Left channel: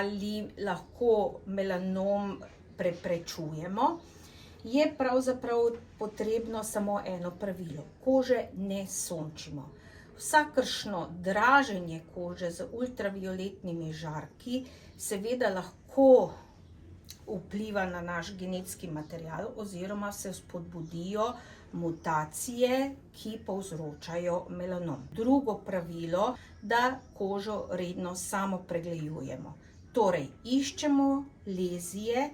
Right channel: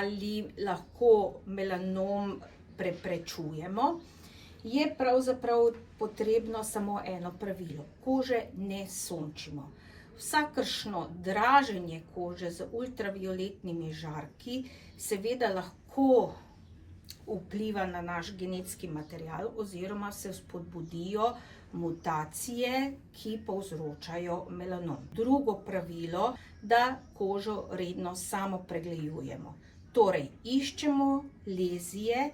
ali lahko melanom preprečujemo, je pravzaprav potrebno samo eno pravilo. Kože ne sončimo. Vsakršno draženje kože z ultravioletnimi žarki seveda lahko vpliva na naš genetski material oziroma se spodbudijo mutacije, ki povzročajo melanom. Drugo pravilo, da kožo redno samo pregledujemo. Torej, iščemo lezije,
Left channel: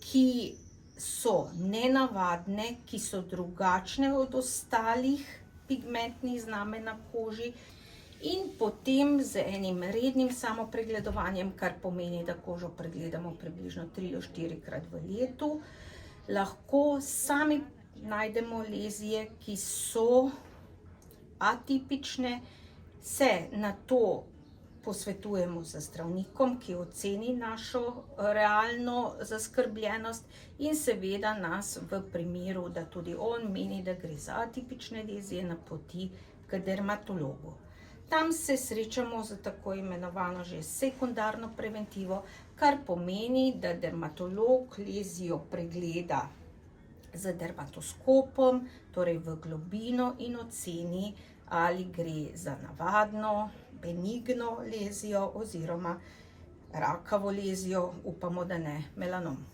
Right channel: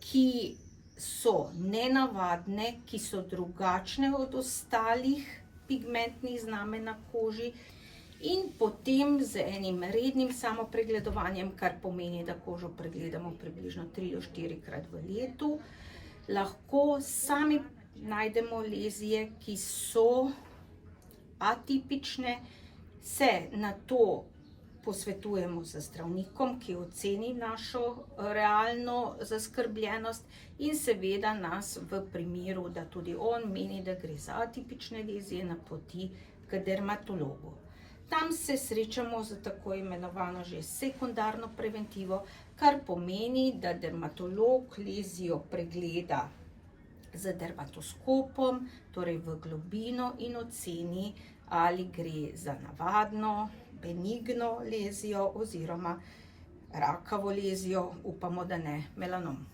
ki so nenavadne, ki so drugačne od ostalih pigmentnih znamenj na koži, in potem z enim rednim samopregledovanjem, kar pomeni, da kožo pregledamo približno 3 do 4 krat v letu, lahko sami najdemo lezije, ki so atipične, se na to posvetujemo z zdravnikom, ki oceni našo realno zaskrbljenost in seveda nas v primeru, da tudi on meni, da gre za atipične lezije, napoti k dermatologu. Tam se srečamo z tako imenovano že sekundarno preventivo, kar pomeni, da dermatolog lezijo pregleda z dermatoskopom, torej v globino, in oceni, ali gre za navadno, benigno lezijo oziroma rakavo lezijo, upamo, da ne, melanom.